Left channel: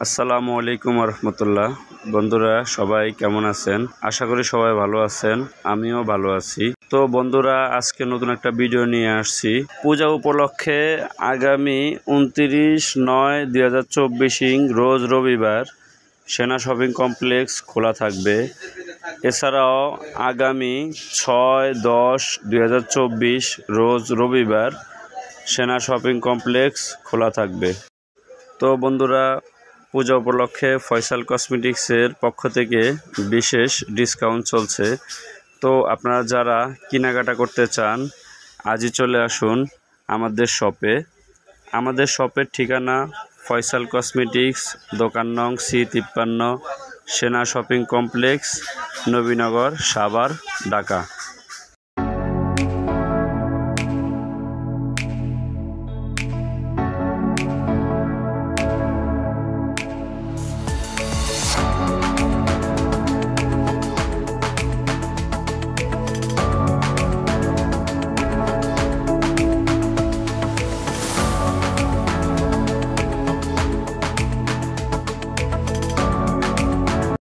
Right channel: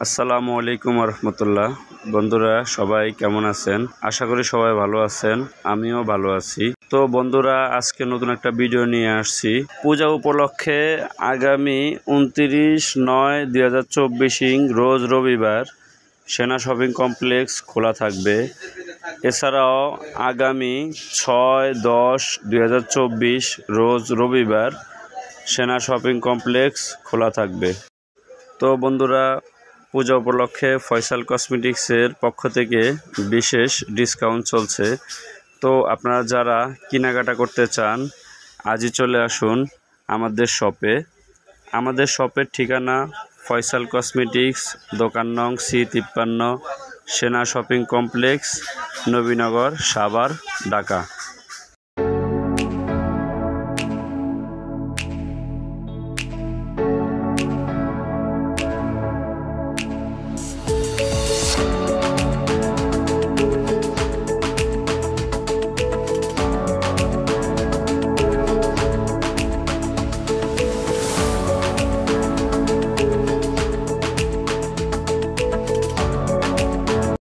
আসসালামু আলাইকুম রহমতুল্লাহ। বন্ধুরা সবাই কেমন আছেন? আশা করি সবাই ভালো আছেন, আমিও ভালো আছি। তো বন্ধুরা, আজকে নতুন একটা ভিডিও নিয়ে আসছি। পূজা উপলক্ষে আগামী 29/9/2024 রোজ রবিবার সেনা শপিং কমপ্লেক্স খোলা থাকবে। এছাড়াও আগামী 6/10/2024 রোজ রবিবার সেনা শপিং কমপ্লেক্স খোলা থাকবে। তো বন্ধুরা, পূজা উপলক্ষে ফয়সাল কসমেটিক্সের পক্ষ থেকে বিশেষ ডিসকাউন্ট চলছে। তো আপনারা যারা কেনাকাটা করতে চান আজই চলে আসুন আমাদের শপে। আমাদের শপের ঠিকানা ফয়সাল কসমেটিক্স, দোকান নং C53, সেনা শপিং কমপ্লেক্স, নবীনগর, সাভার, ঢাকা।